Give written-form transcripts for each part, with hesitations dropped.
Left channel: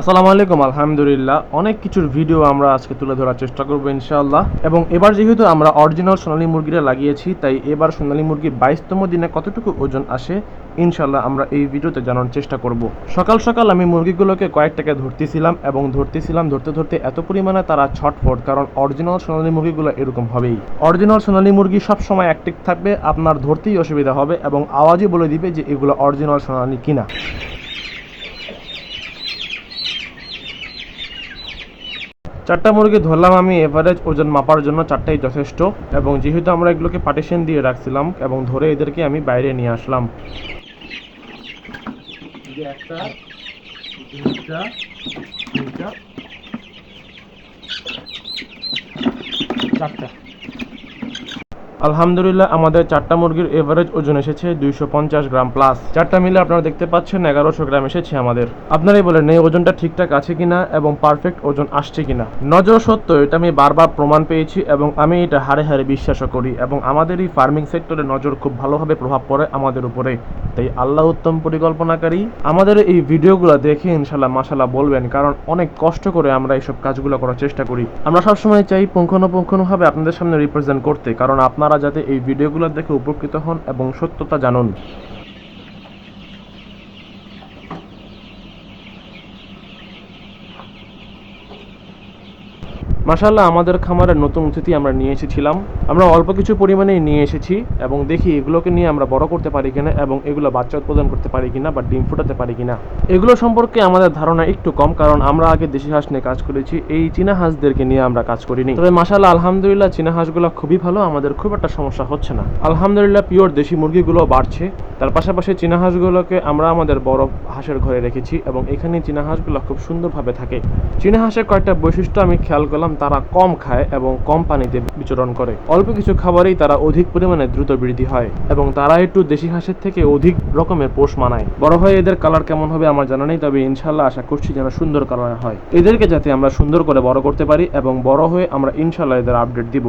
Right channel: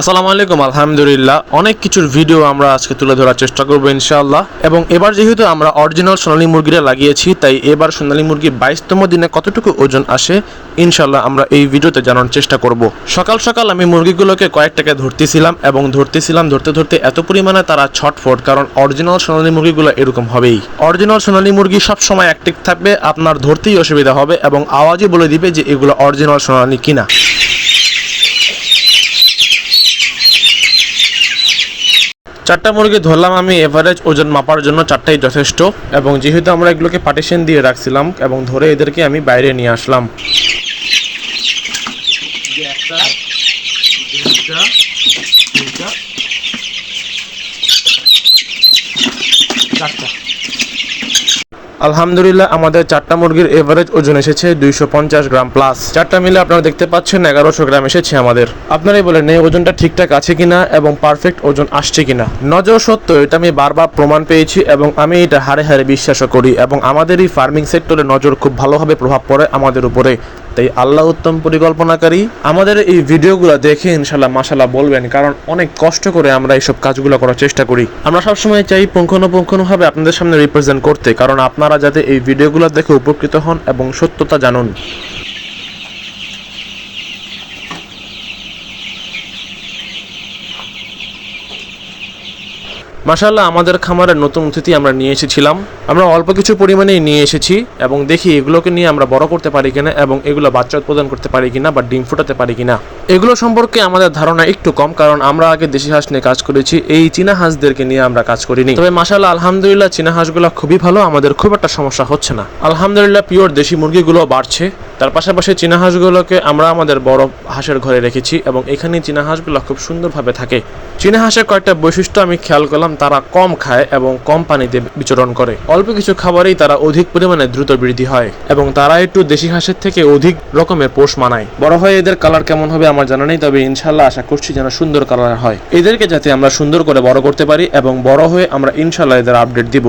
আসসালামু আলাইকুম। আলহামদুলিল্লাহ, অনেক কিছুর ভিডিও আমরা আজকে তুলে ধরার চেষ্টা করবো ইনশাআল্লাহ। এবং এবার যেহেতু আমরা অরিজিনাল সোনালী মুরগিটা লাগিয়েছি, তাই এবার সোনালী মুরগি 22তম দিনে কতটুকু ওজন আসে ইনশাআল্লাহ আমরা এই ভিডিওতে জানার চেষ্টা করব। সকাল সকাল আমি মুরগিগুলোকে কয়েকটাকে ধরতে ধরতে এত পরিমাণে তারা ছটফট, কারণ অরিজিনাল সোনালী মুরগিগুলো এরকম হবেই। অরিজিনাল সোনালী মুরগি সবসময় অ্যাক্টিভ থাকবে, আপনার ধরতেই অসুবিধা হবে এবং আওয়াজই বলে দিবে যে এগুলো অরিজিনাল সোনালী কিনা। চারটা মুরগি ধরলাম আমি, এভারেজ ওজন মাপার জন্য চারটাই যথেষ্ট। এবং যেহেতু আমরা এগুলোকে পার্টিশন দিয়ে রাখছিলাম এবং ধরে এদেরকে আমি বাইরে নিয়ে আসলাম। আলহামদুলিল্লাহ, আমাদের চারটা মুরগির এভারেজ ওজন এসেছে 250 গ্রাম প্লাস। চারটা মিলে আপনারা দেখতে পাচ্ছেন 1100 গ্রাম এসেছে আমাদের। আপনারাই বলেন এই ওজনটা ঠিকঠাক আছে কিনা এবং পারফেক্ট ওজন আসছে কিনা। নজর সত্য, এটা আমি বারবার প্রমাণ পেয়েছি এবং আমি এটা হাড়ে হাড়ে বিশ্বাসও করি। এবং আমাদের এই ফার্মিং সেক্টরে নজর খুব ভালোভাবে প্রভাব পড়ে আমাদের উপরে। তাই আল্লাহ উত্তম পরিকল্পনাকারী। আমাদের এই ভিডিওগুলো দেখে ইনশাল্লাহ মাশাল্লাহ বলবেন, কারণ অনেক কষ্ট করে আমরা এইসব কাজগুলো করার চেষ্টা করি। আমরা সবসময় চাই পুঙ্খানুপুঙ্খানুভাবে আপনাদের সামনে রিপ্রেজেন্ট করতে, কারণ আপনারা যাতে এই ভিডিওগুলো দেখে উপকৃত হন এবং সত্যতা জানুন। মাশাআল্লাহ, আমাদের খামারের নতুন অতিথি আমরা নিয়ে এসেছিলাম। আমরা অল্প কিছু পরিমাণেই নিয়ে এসেছি এবং দেখি এগুলোকে নিয়ে আমরা বড় করতে পারি কিনা এবং এগুলো বাচ্চা উৎপাদন করতে পারি কিনা বা ডিম ফোটাতে পারি কিনা। এগুলো সম্পর্কে আমাদের ধারণা একটু কম, কারণ আমরা আগে দেশি হাঁস নিয়ে কাজ করেছি, এই চীনা হাঁসদেরকে নিয়ে আমরা কাজ করিনি। তবে মাশাআল্লাহ আলহামদুলিল্লাহ চীনা হাঁসগুলো খুবই ভালো, আমাদের খুব একটা সমস্যা হচ্ছে না। আলহামদুলিল্লাহ পিওর দেশি মুরগিগুলো বাড়ছে। তার পাশাপাশি চীনা হাঁসগুলোকে আমরা আমাদের বড় হাঁসের ঘরে রেখেছি এবং এখানে চীনা হাঁসগুলো খুব সুন্দরভাবে থাকে। চীনা হাঁসের কয়েকটা বৈশিষ্ট্য আমি খেয়াল করলাম, তারা কম খায় এবং কম পানিতে বিচরণ করে। অল্প কিছু খাবারেই তারা অধিক পরিমাণে দ্রুত বৃদ্ধি হয় এবং তারা একটু দেশি হাঁসের থেকে অধিক রকমের পোষ মানায়। বড় হয়ে এদের কালার কেমন হবে আমার জানা নেই, তবে ইনশাল্লাহ আশা করছি যেন সুন্দর কালার হয়। এদেরকে যাতে আমরা সুন্দর করে বড় করতে পারি এবং বড় হয়ে আমরা ইনশাল্লাহ এদের আপডেট দিব।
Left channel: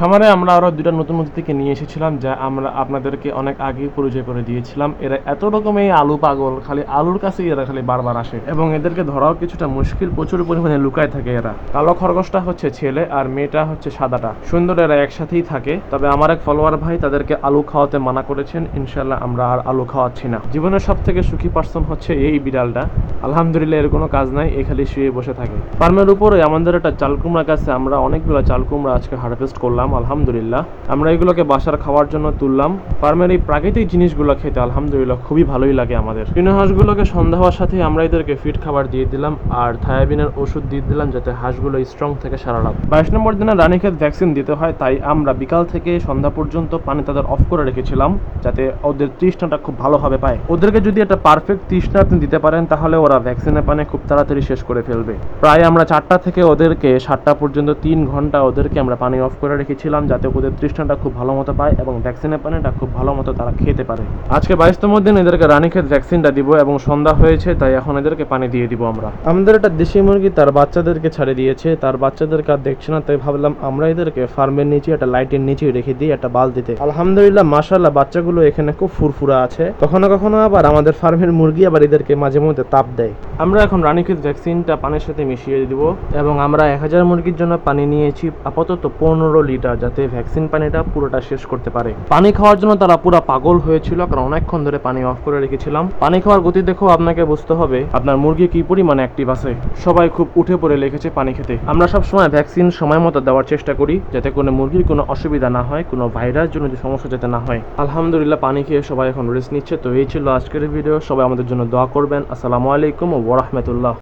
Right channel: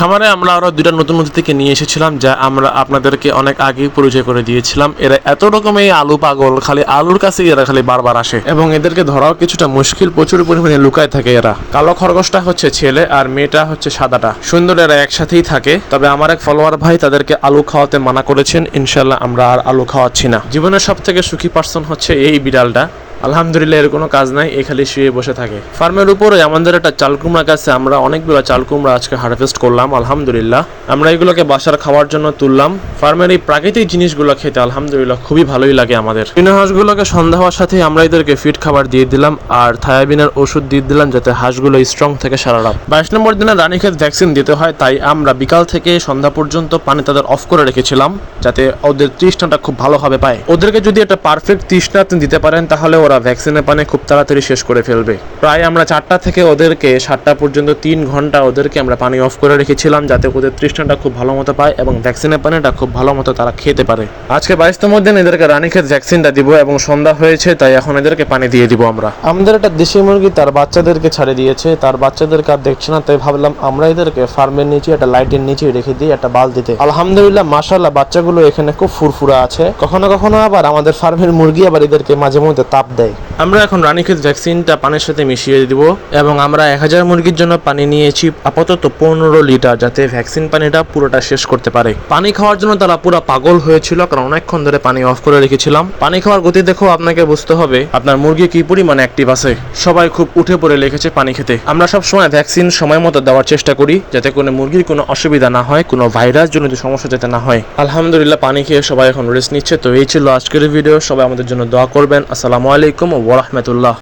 খামারে আমরা আরো দুইটা নতুন অতিথিকে নিয়ে এসেছিলাম, যা আমরা আপনাদেরকে অনেক আগেই পরিচয় করে দিয়েছিলাম। এরা এত রকমের আলু পাগল, খালি আলুর কাছে এরা খালি বারবার আসে এবং এদেরকে ধরাও কিছুটা মুশকিল, প্রচুর পরিমাণে লুকায় থাকে এরা। কালো খরগোশটা হচ্ছে ছেলে আর মেয়েটা হচ্ছে সাদাটা। সুন্দর, এরা একসাথেই থাকে। তবে আমার এক ফলোয়ার ভাই তাদেরকে আলু খাওয়াতে মানা করেছেন, ইনশাল্লাহ আমরা আর আলু খাওয়াচ্ছি না। জীবনের সব থেকে সুখী পার্সন হচ্ছে এই বিড়ালটা। আলহামদুলিল্লাহ এর কোনো কাজ নাই, এই খালি শুয়ে বসে থাকে। ফার্মের উপরে আমাদের একটা চাল কুমড়া গাছে আমরা অনেকগুলো চাল কুমড়া আজকে হারভেস্ট করলাম। আলহামদুলিল্লাহ আমরা এগুলোকে বাসার খাওয়ার জন্য তুললাম। ফার্মের এই প্রাকৃতিক জিনিসগুলো খেতে আলহামদুলিল্লাহ খুবই ভালোই লাগে আমাদের। চীনা হাঁসগুলোকে সন্ধ্যা হওয়ার সাথে আমরা এদেরকে ফিড খাবার দিয়ে দিলাম আর থায়াবিনের ওষুধ দিয়ে দিলাম, যাতে হাঁসগুলো স্ট্রং থেকে সারা রাত। 22 নম্বর দিনে রানীক্ষেত ভ্যাকসিন দিতে হয়, তাই আমরা বিকাল থেকে সন্ধ্যা পর্যন্ত পানি তাদের অফ করে রেখেছিলাম, যাতে ওদের তৃষ্ণাটা খুব ভালোভাবে পায়। ওদেরকে যদি একটা পারফেক্ট তৃষ্ণা আপনি দিতে পারেন, তাহলে ওরা ভ্যাকসিনের পানি খুব তাড়াতাড়ি শেষ করে ফেলবে। প্রায় আমরা 4টা থেকে ওদেরকে 7টা পর্যন্ত 3 ঘন্টা ওদেরকে আমরা পানি অফ করে রেখেছিলাম, যাতে ওদের তৃষ্ণাটা খুব ভালো মতো পায় এবং ভ্যাকসিনের পানিটা খুব ভালো মতো তারা খেতে পারে। আজকে 22তম দিন এদেরকে রানীক্ষেত ভ্যাকসিনটা দিব এবং সন্ধ্যা হয়েছে, তাই এখন এদেরকে পানি দিয়ে দিব আমরা। আমাদের একটা দেশি মুরগি তার বাচ্চাদেরকে ছাড়ে দিয়েছে, তার বাচ্চাদেরকে আর দেখছে না, তাই ভাবলাম আমরা এদেরকে ফার্মের নিচে একটা লাইটের নিচে রেখে দিই একটা বালতিতে। আলহামদুলিল্লাহ মাশাআল্লাহ বাচ্চাগুলো এখানে খুব ফুরফুরা আছে। কখনো কখনো আবার আমাদের ফার্মের মুরগি আবার এদেরকে মাঝে মধ্যে তাপ দেয়। আমরা এখন রানীক্ষেত ভ্যাকসিনটা পানির সাথে মিশিয়ে দিব এবং আমরা 1000 মুরগির জন্য পানি নিয়েছি আপাতত 15 লিটার, যাতে ভ্যাকসিন পানিটা পুরোটা শেষ করতে পারে। পানি খাওয়ার জন্য তারা পুরো পাগল হয়েছিল, কারণ অনেকক্ষণ ধরে পানি অফ করে রেখেছিলাম। পানি খাওয়ার গতি দেখো আপনাকে বুঝতে হবে আপনার মুরগি কি পরিমাণে অ্যাক্টিভ আছে। সবাই খুব উঠে পড়ে লেগেছে পানি খেতে। আমরা সব সময় ভ্যাকসিন সময় মতো দেওয়ার চেষ্টা করি, যাতে কোনো মুরগির কোনো অসুবিধা না হয়, কোনো ভাইরাস জনিত সমস্যা যাতে না হয়। আলহামদুলিল্লাহ পানি খেয়ে সবাই এখন রেস্ট নিচ্ছে। তো এই ছিল আজকের ভিডিও, সবাই আমাদের জন্য দোয়া করবেন। আসসালামু আলাইকুম ওয়া রাহমাতুল্লাহ।